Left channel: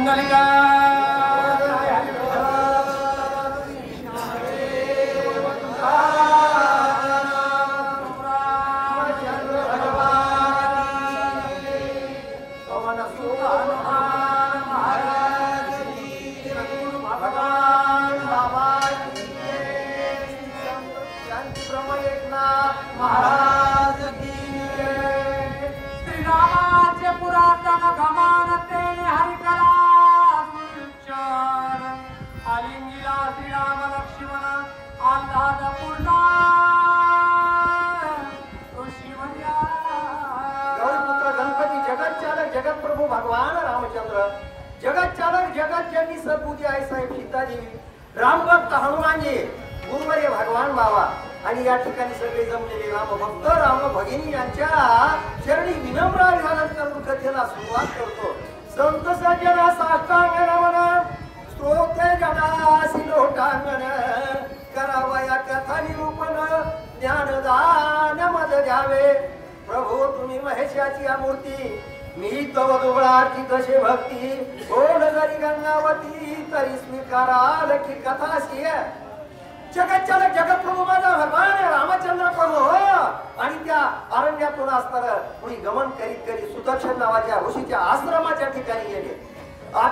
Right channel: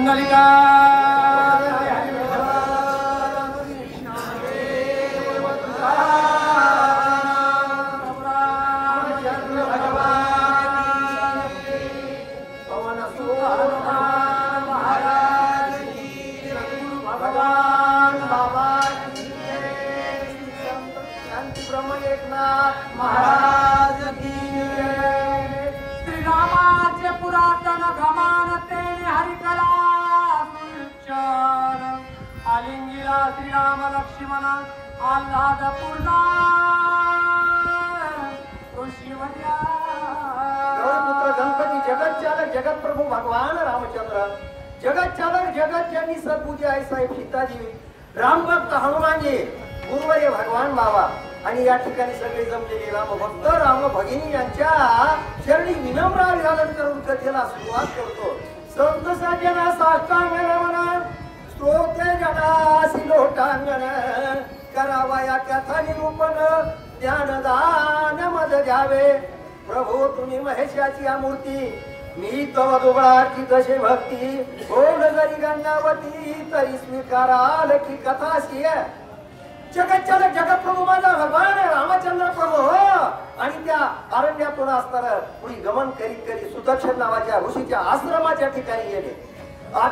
पुंडलिका जगतप्रभू भगवान रामचंद्र जगत चालक जगत जननी सद्बुद्धी आई साहेब सीताजी रामभक्त हनुमानजी गुरुवरे भगवान बाबा आणि या ठिकाणी सगळे जमलेले रामभक्त राम भगिनी यांच्या चरणी विनम्र अभिवादन करून कथेला सुरुवात करतो. संत सज्जना साष्टांगण म्हणा स्तोत्र जनासी लोटांगण करावा या कथा निरूपण ज्ञानदान मद द्यावे. प्रभू तुम्ही महेशाची मूर्ती मी तव दुबळाची तशी भक्ती कोण जरी गंगावती तरी स्वीकाराल की कथा सिय. जगत चालक जगतप्रभू माझा भगवान रामचंद्र प्रभू आणि त्या अरण्यातून असताना पुढे गमन करीत करीत सुदर्शन नावाच्या ऋषीच्या आश्रमाच्या ठिकाणी गेले.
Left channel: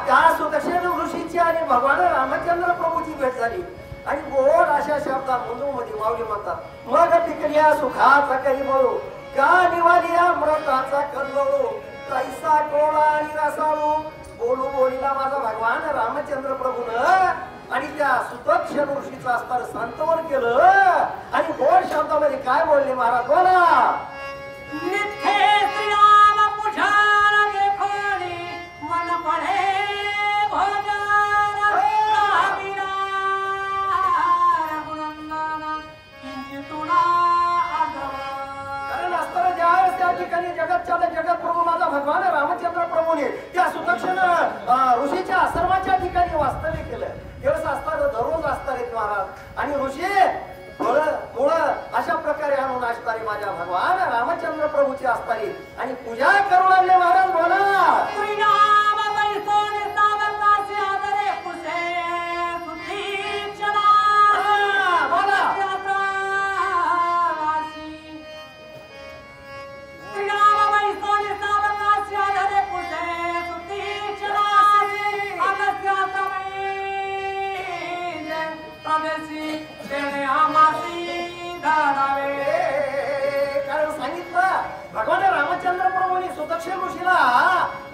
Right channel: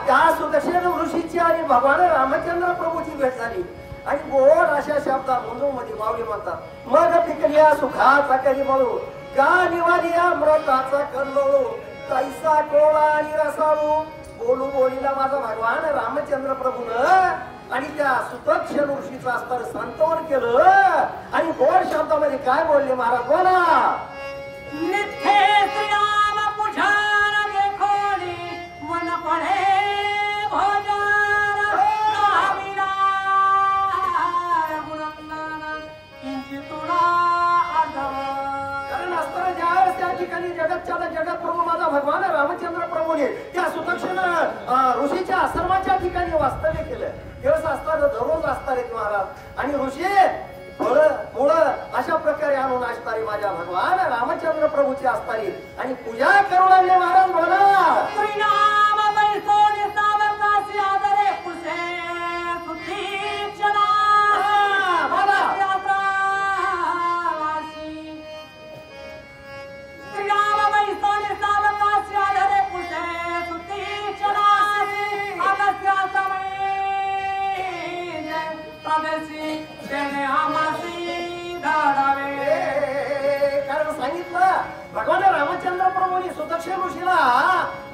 त्या सुदर्शन ऋषीची आणि भगवान रामचंद्र प्रभूची भेट झाली आणि गोड अशा शब्दात मध्ये माऊली म्हणतात मग पिकल्या सुखाचा करी म्हणू का निवाली अमृताचा कल्लोळू कैसा कोळा आणि रसाळू बोलू बोलीला माझा भगवान रामचंद्र प्रभून आणि त्या सुदर्शन ऋषीचा अस्तर संतवन केलं आणि गोड शब्दामध्ये काय बोलले महाराज बोला. नित्य श्रीराम पुजारा देखोनी मन पडे भोजन रामिया गुणंगाना किंचितुना आदर. कारण असताना ज्यावेळेस त्या ठिकाणी जगतचालक जगतप्रभू माझा भगवान रामचंद्र प्रभूने त्या सुदर्शन ऋषीच्या आश्रमाच्या ठिकाणी वास्तव्य केलं. दिवस असताना दररोज असतात महाराज आणि ऋषी मुळ अशा प्रकारे आणून असणारे माझ्या भगवान रामचंद्र प्रभूचे असताना आणि पूजा करू लागले महाराज म्हणा. श्रीराम बैसोनी सावकाशी आदरे कुसे सुतीक्षणा बोला. श्रीराम बैसोनी सावकाशी आदरे कुसे सुतीक्षणा अगस्त्या प्रवेशी देणे आमासी धरावे. कारण सांगितलं भगवान रामचंद्र प्रभूंनी सुदर्शन ऋषीला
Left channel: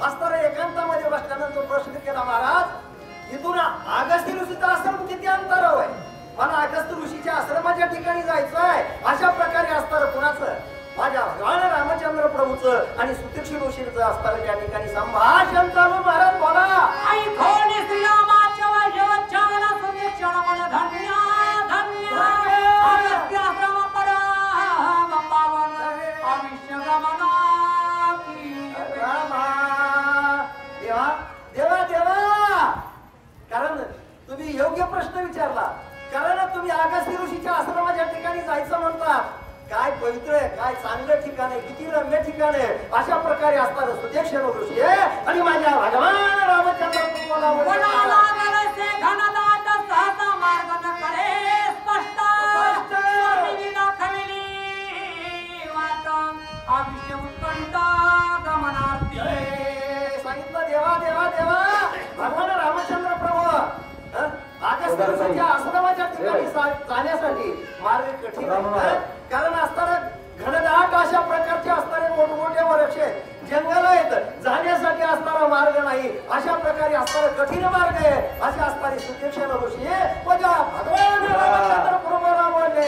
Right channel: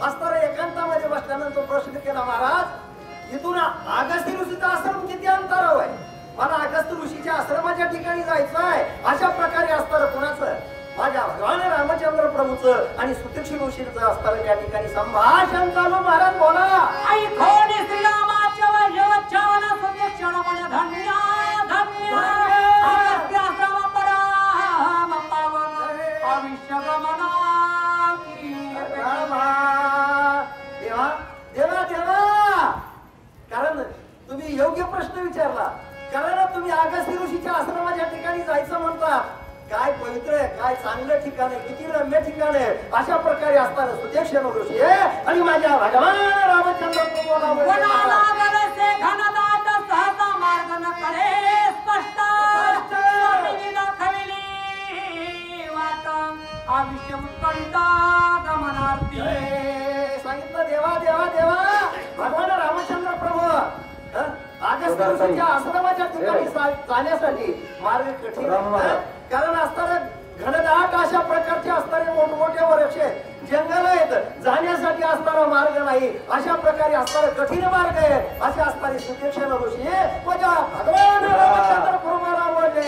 असताना एकांतामध्ये बसल्यानंतर प्रश्न केला महाराज इथून अगस्त्य ऋषीचा आश्रम किती अंतरावर आहे. मला अगस्त्य ऋषीच्या आश्रमाच्या ठिकाणी जायचं आहे. अशा प्रकारे असताना कुणाचं माझ्या भगवान रामचंद्र प्रभूचं आणि सुदर्शन ऋषीचं असताना त्या ठिकाणी संभाषण चालू. महाराज बोला. आई थोडी श्रीरामाच्या वैभवचावला सुदर्शन मन धन्य धन्य अगस्त्याश्रम पराम पावन आयुष्य गमना की देवा देवा देवा. कारण तुम्ही योग्य प्रश्न विचारला. कारण तुम्ही अगस्त्य ऋषीच्या आश्रमाच्या ठिकाणी जायचं म्हणतात. काय पवित्र आहे काय चांगलं ठिकाण आहे किती रम्य ठिकाण आहे. अशा प्रकारे असताना सुदर्शन ऋषी आणि माझ्या भगवान रामचंद्र कोणाला गरजे घनदाट सहसा मार्ग न कळे स्पष्ट स्वामी दाखविली वाट आयुष्य उत्कंठ गमनार्थी. सांगितलं देवा देवा देवा भगवान रामचंद्र प्रभू अगस्त्य ऋषीच्या आश्रमाच्या ठिकाणी जाण्यासाठी मार्ग कठीण आहे. कारण असताना घनदाट अशा प्रकारचे असणारे मोठमोठे वृक्ष जंगल आहेत जाण्यासाठी असणारा मार्ग नाही. अशा प्रकारे असणारा कठीण मार्ग आहे. असे असणारे सुदर्शन ऋषी माझ्या भगवान रामचंद्र प्रभूला बोलले.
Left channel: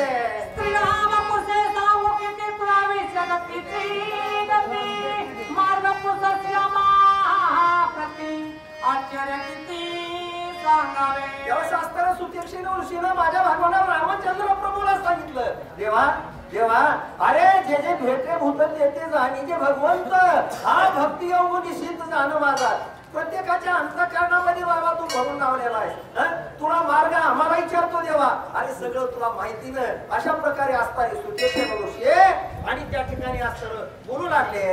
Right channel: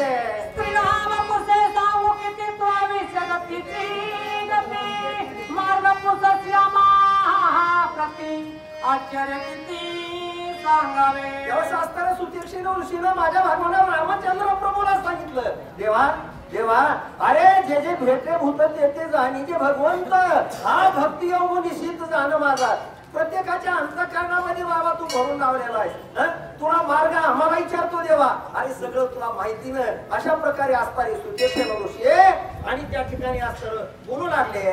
श्रीराम कुसे सांगू किती तू आविष्यगतीची गती मार्ग पुसत श्यामा प्रती आश्चर्य किती सांगावे. तेव्हा असताना सुदर्शन ऋषीनं माझ्या भगवान रामचंद्र प्रभूला सांगितलं देवा देवा अरे जे जे भेटे भूत तेथे जाणी जे भगवंत हा भक्ती योग निश्चित जाणं माझा प्रत्येकाच्या अंतःकरणामध्ये बाबा तू भरून लावलेला आहे. तुला मार्ग आम्हाला विचारतो देवा आणि सगळं तुला माहिती नाही. अशा प्रकारे असणारे सुदर्शन ऋषी आणि त्या ठिकाणी असताना बोलू लागले